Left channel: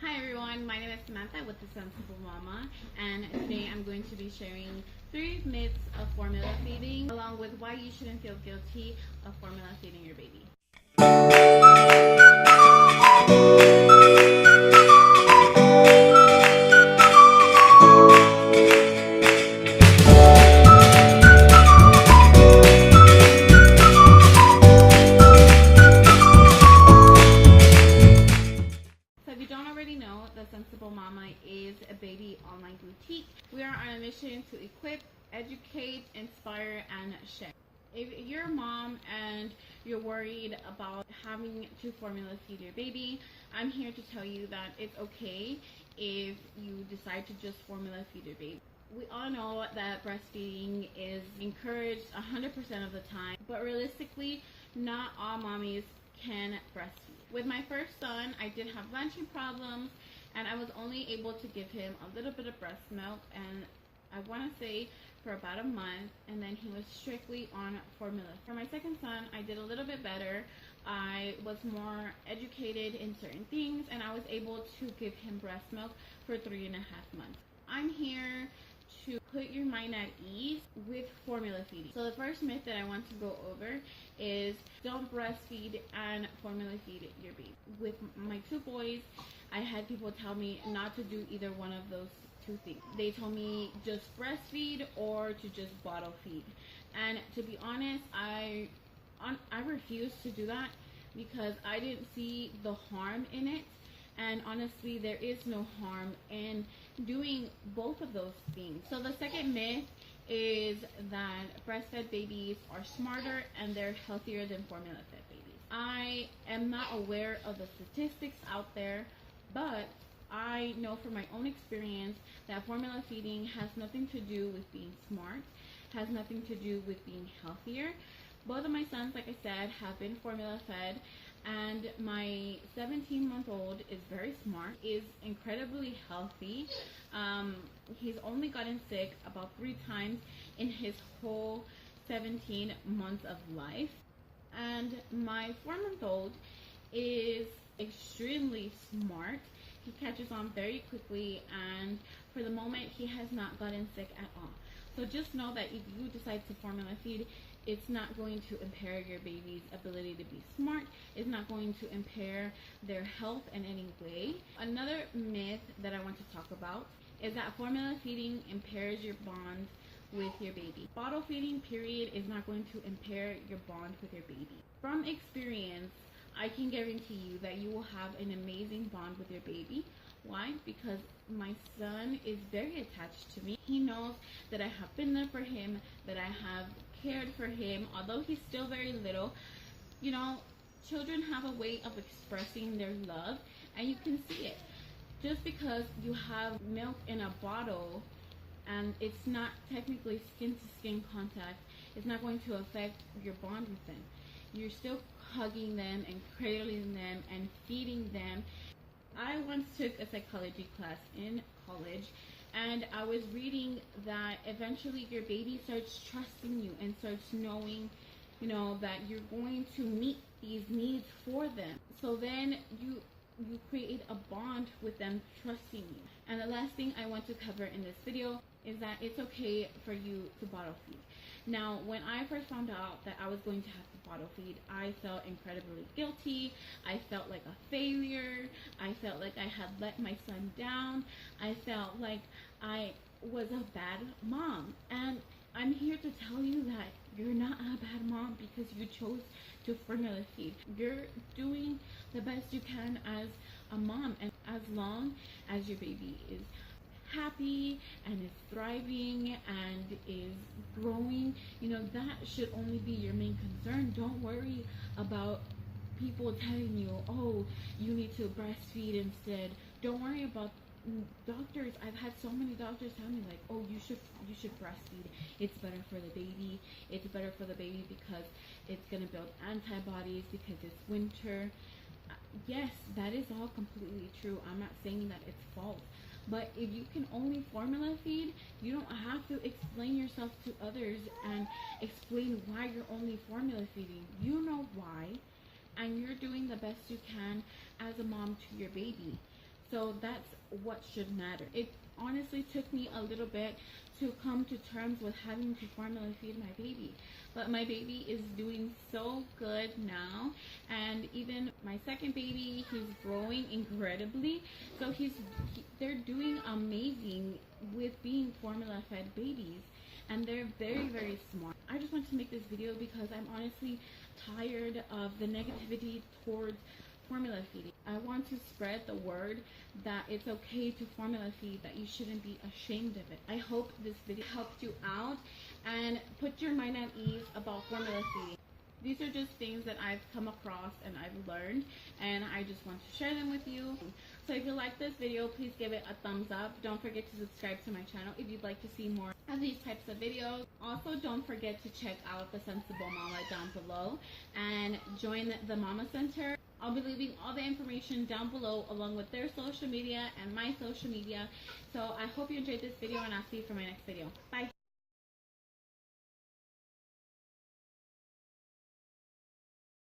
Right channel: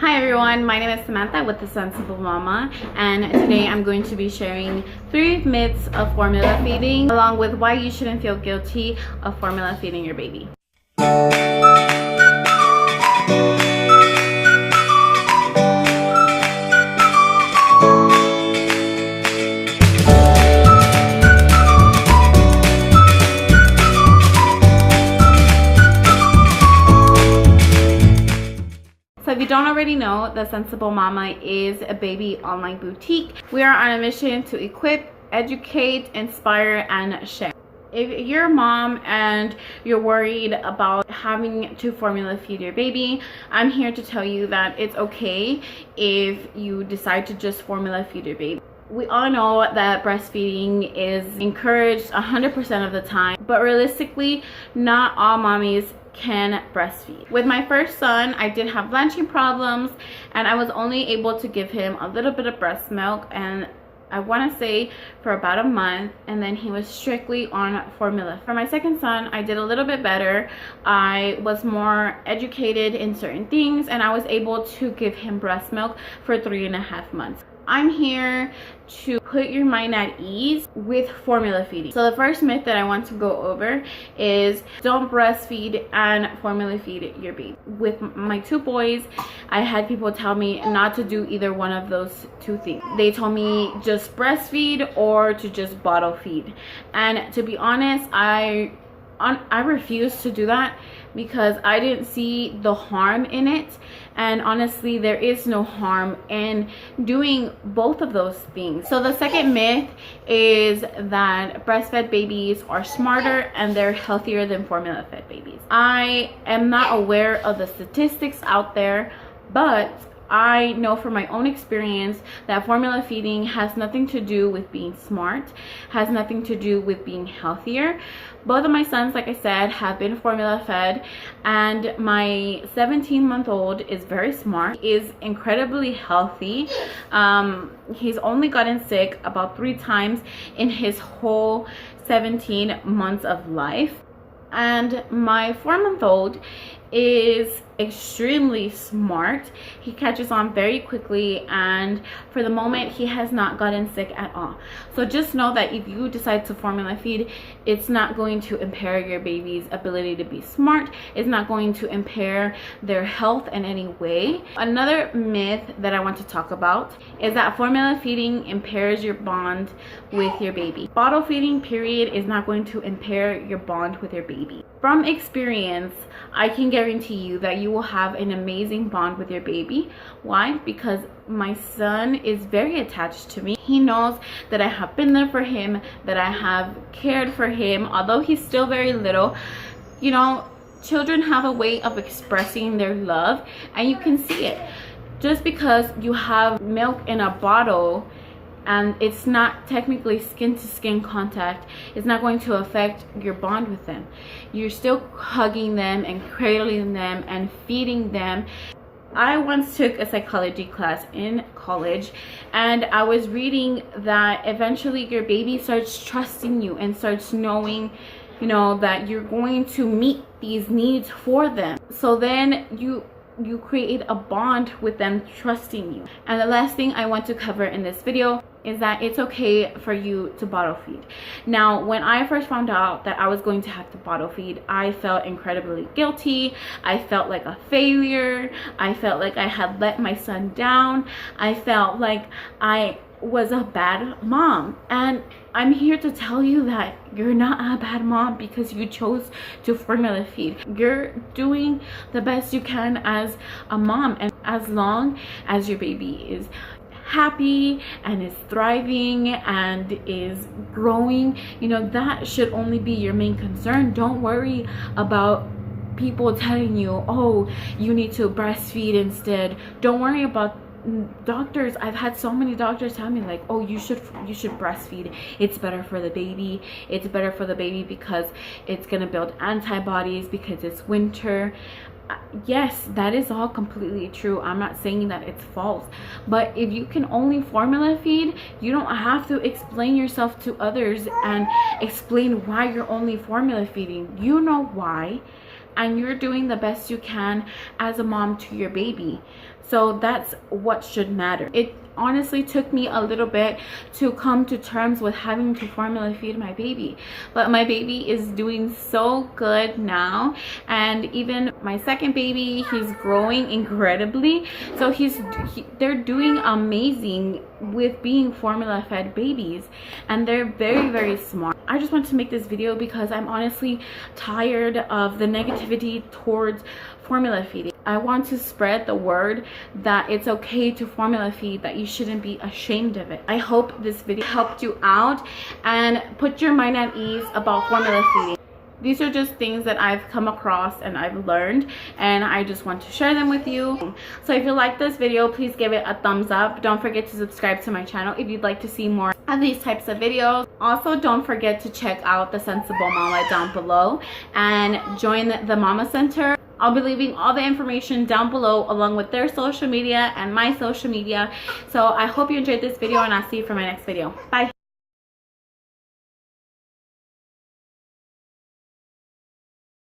Hi everyone, my name is Samantha with The Sensible Mama, and today I'm going to be sharing 3 myths of formula feeding along with why you shouldn't feel guilty of formula feeding your baby. So if you don't already know, The Sensible Mama is a baby online boutique. We are on a mission to equip, educate, inspire, and share. If you're a mom and you're worried about having to formula feed your baby, I'm here to tell you that it's okay if you decide to just formula feed your baby. We all know that breastfeeding is encouraged 100% of the time, but realistically, not all mommies can breastfeed. With my first son, I did have blanching problems and I was only able to give him a little bit of breast milk, and I want to say for about a month, and then he was strictly on formula. For my second son, I did a little bit better. I was more educated in certain things and I was able to give him breast milk for 3.5 months. I'm here to put your mind at ease with formula feeding. So the first myth that I want to go over is don't breastfeed and formula feed your baby. With my 2 boys, I had people tell me not to do either one of those 2 things. They told me just breastfeed or to just bottle feed. And to be honest, I refused to do that because I didn't see the harm in it. And honestly, there is no harm in doing both of those things. So the second myth is that breastfed babies are smarter and they're healthier than formula fed babies. I am not aware of the statistics out there, but I know from my own experience that formula feeding has nothing to do with being smart, has nothing to do with being healthier. Both of my sons, like I said, have been formula fed, and my 17-month-old is very smart, is incredibly healthy. He's only gotten sick about 3 times in his whole 17 months of life. And my 4-month-old is extremely smart. He catches on very quickly, and for the moment he has not gotten sick at all. So just know that if you decide to formula feed, it's not going to impair your baby's ability to be smart. It's not going to impair their health in any way. Another myth that I want to talk about is that formula feeding impairs your bond with your baby. Bottle feeding, period, is not going to impair your bond with your baby. From experience, I can guarantee you that you will have an amazing bond with your baby. Why? Because my son is very attached to me. He knows that I have been there for him, that I have cared for him. Although he's still very little, you know, children have a way of expressing their love, and you can see it. Just because you have milk in a bottle and it's not technically skin to skin contact, it's not going to affect your bond with them. You're still hugging them and cradling them and feeding them. I once took a psychology class in college, and I was reading that eventually your baby starts trusting you and starts knowing, you know, that you're going to meet these needs for them. So then you create a bond with them trusting you. And the last thing I want to cover in this video is that it's okay for you to bottle feed. Now, when I first found out that I was going to have to bottle feed, I felt incredibly guilty. I felt like a failure. I felt like I had let my son down. I felt like I was a bad mom. And I'm here to tell you that you're not a bad mom because you chose to formula feed. You're doing the best you can as a mom, and as long as your baby is happy and is thriving and is growing, you know, that should only be your main concern. Don't worry about people telling you, oh, you need to breastfeed instead. Don't worry about doctors. I've had so many doctors tell me like, oh, you should breastfeed. It's better for the baby. It's better for the baby because it's gonna build antibodies because it's winter. Yes, that is all completely true. I'm not saying that it's false, but if you can only formula feed, you don't have to explain yourself to others and explain why you're only formula feeding. You know why, and you're doing the best you can as a mom to your baby. So that's what should matter. It honestly took me a little bit to come to terms with having to formula feed my baby, but my baby is doing so good now. And even my second baby, he's growing incredibly. So they're doing amazing with being formula fed babies, and they're very, very smart. I just want to make this video because I'm honestly tired of the negativity towards formula feeding. I want to spread the word that it's okay to formula feed, that you shouldn't be ashamed of it. I hope this video helped you out and put your mind at ease about formula feeding. These are just things that I've come across and I've learned, and I just want to share them with you. So if you like this video, please give it a thumbs up. Don't forget to subscribe to my channel if you'd like to see more of these types of videos. Also, don't forget to check out the Sensible Mama down below and join the Mama Center. I'll be leaving all the information down below along with their social media and my social media. So I hope you enjoyed this video, and I'll see you for my next video. Bye.